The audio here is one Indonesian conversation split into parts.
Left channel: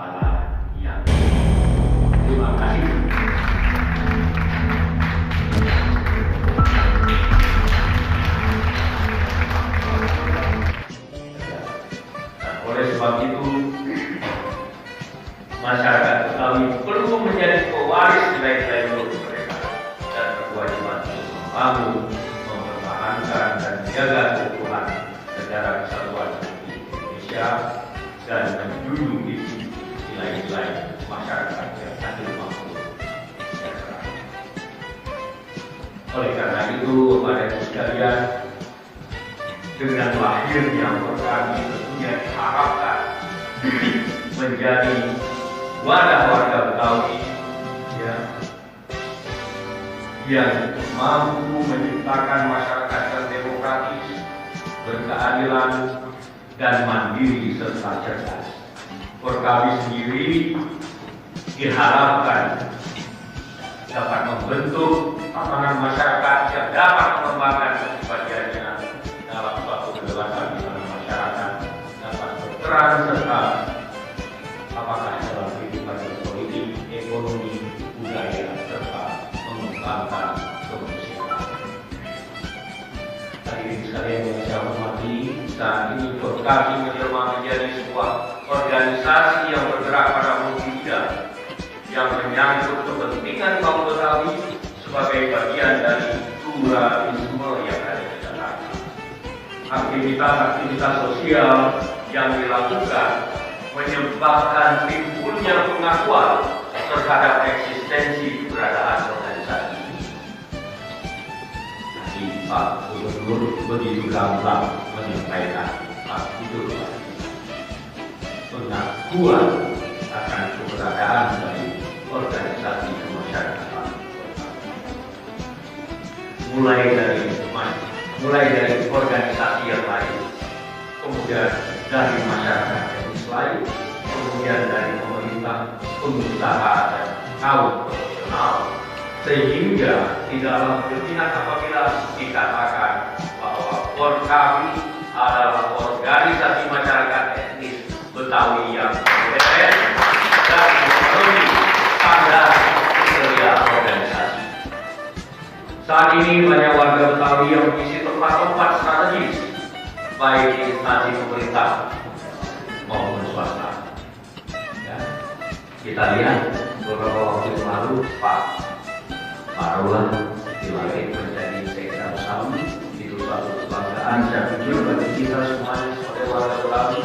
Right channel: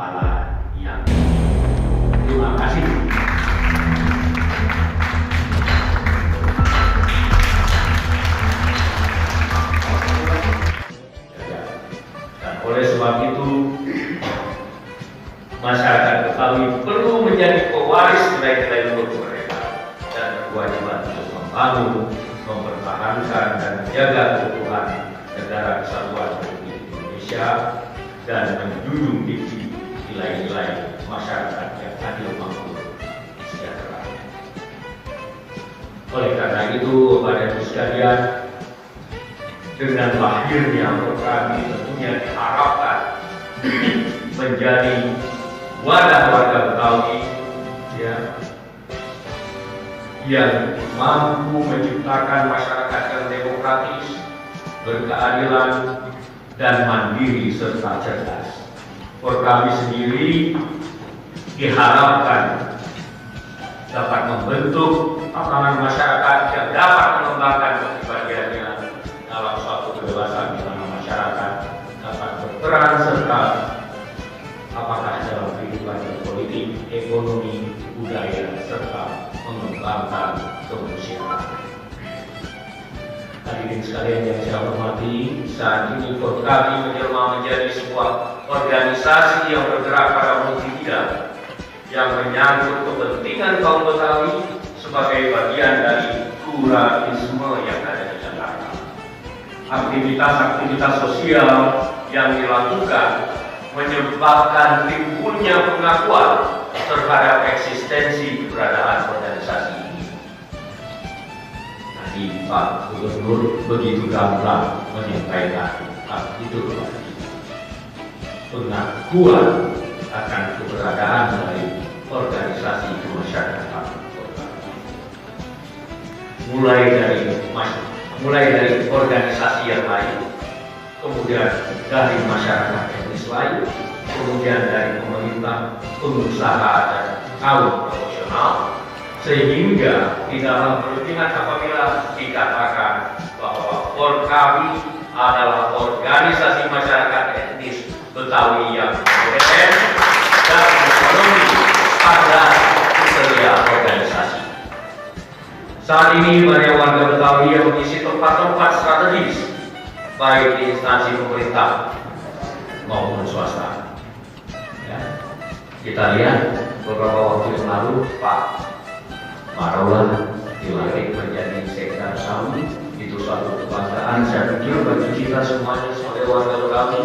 kepala yang. Terima kasih. Dan oleh sebab itu, masyarakat Betawi perlu menjadi pewaris nilai-nilai luhur mereka dan berkewajiban untuk membangun, mempertahankan dan menjaga keutuhan negara kesatuan Republik Indonesia dan menjunjung tinggi nilai-nilai masyarakat yang adil, makmur, sejahtera. Oleh karena itu, Bapak Ibu sekalian, dengan lahirnya program ini tentunya diharapkan menjadi wadah warga Betawi yang mampu menciptakan masyarakat yang demokratis, berkeadilan, dan mandiri serta cerdas. Kami sendiri diharapkan dapat membentuk tatanan masyarakat yang dapat mengembangkan kepribadiannya dalam suatu kebebasan di mana masyarakat dapat berperan serta apakah dalam kehidupan politik, ekonomi, budaya, serta mengembangkan kemanusiaan. Hadirin sekalian yang saya hormati, saat ini kami menjelma menjadi sebuah organisasi yang bergerak pada multibidang yang menyangkut kepentingan kaum Betawi sebagai bagian dari pluralisme yang ada di Jakarta. Aktivitas-aktivitas sosial yang dilakukan menyebabkan timbulnya pengakuan terhadap eksistensi keberadaan organisasi ini. Tadi Pak Gubernur begitu gamblang menyampaikan itu pengakuan akan keberadaan dari organisasi kemasyarakatan, mulai dari organisasi yang lain, kemudian dari masyarakat etnis lain, kemudian dari pemerintah, pengusaha, dan kaum profesional, sehingga tidak berpihak apabila dikatakan bahwa kami adalah organisasi masyarakat etnis Betawi yang keren dan memenuhi standar kriteria organisasi. Saat ini banyak warga Betawi yang mengisi tempat-tempat strategis, baik di instansi pemerintah maupun swasta. Ya. Kita lihat beberapa waktu yang lalu Pak Marwan dilantik menjadi sekda Saudi. Itu suatu kebanggaan saya pikir bagi kita semuanya sebagai warga Betawi.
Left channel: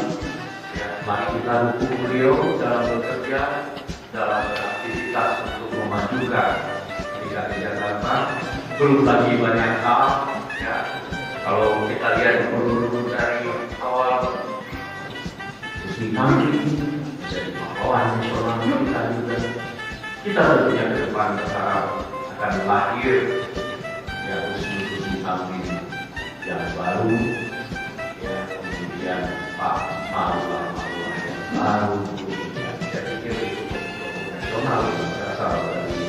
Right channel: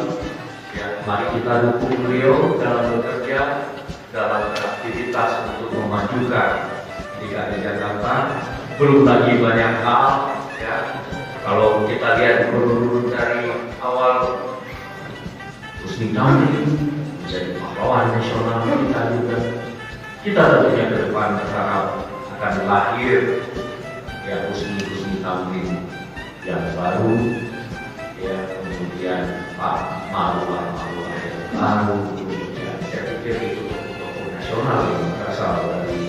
Ya, mari kita dukung beliau dalam bekerja, dalam beraktivitas untuk memajukan DKI Jakarta. Belum lagi banyak hal, ya. Kalau kita lihat dulu dari awal Husni Kamil menjadi pahlawan nasional kita juga. Kita tentunya ke depan berharap akan lahir ya Husni Kamil yang baru, ya kemudian Pak Marwan yang baru, kemudian saya pikir itu tokoh nasional yang berasal dari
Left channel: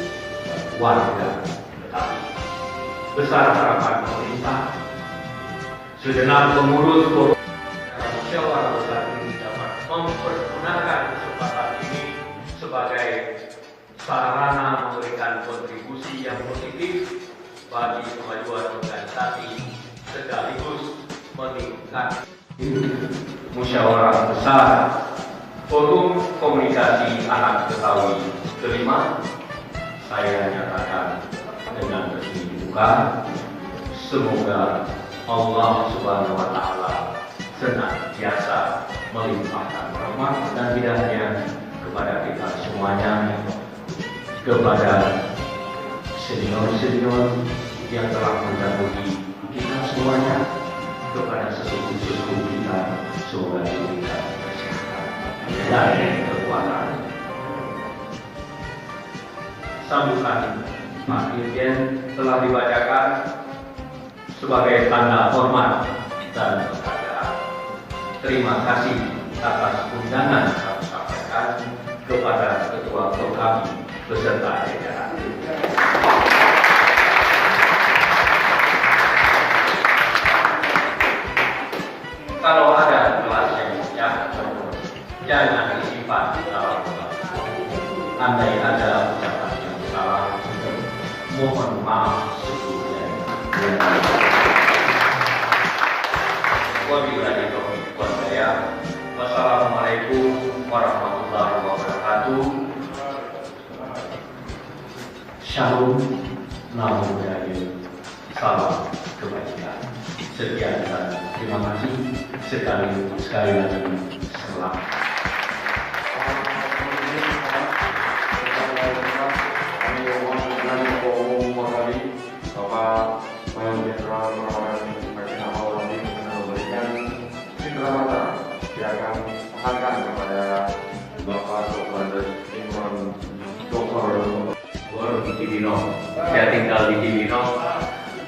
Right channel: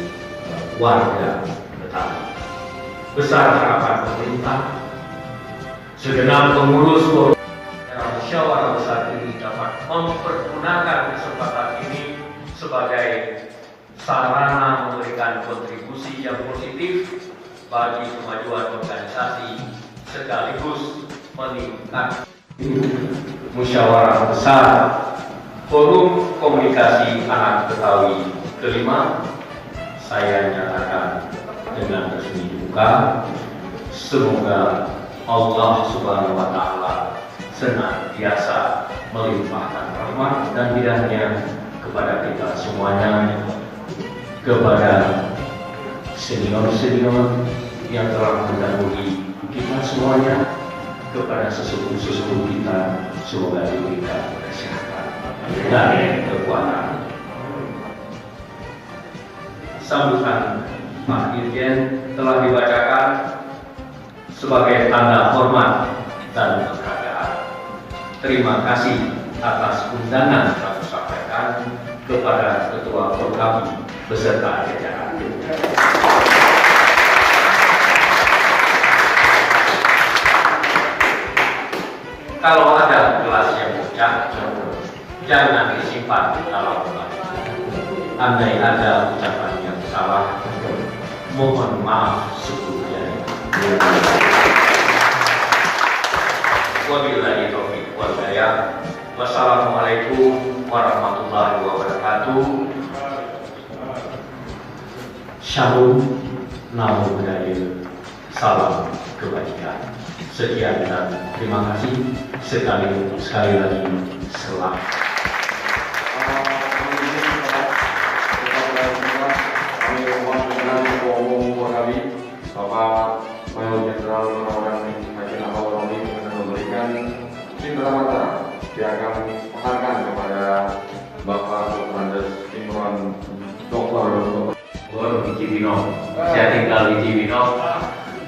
warga Betawi. Besar harapan pemerintah, segenap pengurus musyawarah besar ini dapat mempergunakan kesempatan ini sebagai sarana memberikan kontribusi yang positif bagi kemajuan organisasi sekaligus meningkatkan musyawarah besar Forum Komunikasi Anak Betawi kelima. Saya nyatakan dengan resmi buka. Semoga Allah Subhanahu wa Ta'ala senantiasa melimpahkan rahmat dan hidayahnya kepada kita semuanya, kepada senior-senior yang telah mendahului kita semuanya, kepada sesepuh-sesepuh kita, semoga diberikan kesehatan dan kekuatan. Sambutan Pak Dirjen telah dibacakan sebagai tanda hormat dan penghargaan. Terima kasih atas undangan yang kami sampaikan kepada Ketua Program beserta jajaran. Kalau ada kelas yang jangan disimpan. sifat dalam Tuhan. Andai ada ucapan yang salah, mohon maaf sebelumnya. Wabillahi taufiq wal hidayah. Wassalamualaikum warahmatullahi wabarakatuh. Shalom, namo buddhaya, salam kebajikan. Sekian dan terima kasih sekali lagi selamat. Bapak Mayor Jenderal Penawaran Nasional Romi memberikan cindera mata yang akan mengarahkan kepada Bapak Sultan Imran Dr. Di Cibinong, saya tinggal di Cibinong.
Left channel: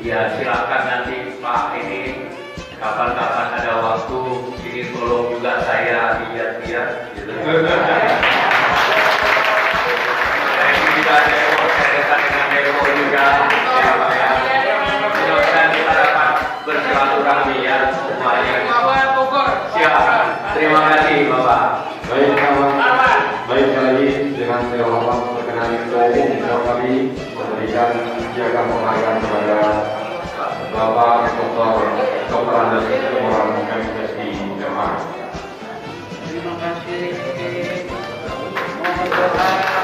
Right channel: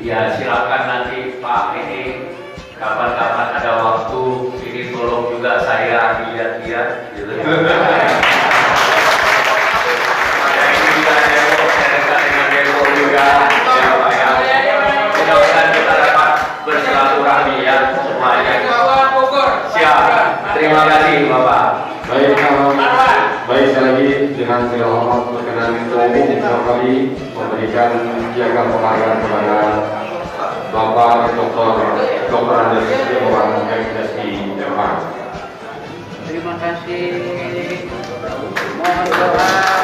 Ya silakan nanti Pak ini kapan-kapan ada waktu ini tolong juga saya lihat-lihat. Gitu. Ada ini juga Depok, saya dekat dengan Depok juga. Ya Pak ya. Mudah-mudahan kita dapat bersilaturahmi ya semuanya. Siap. Terima kasih Bapak. Baik sekali lagi dengan segala hormat berkenan Ketua Umum kami memberikan piagam penghargaan kepada Bapak Dr. Andes Imran MSI MA. Terima kasih. Mohon doa.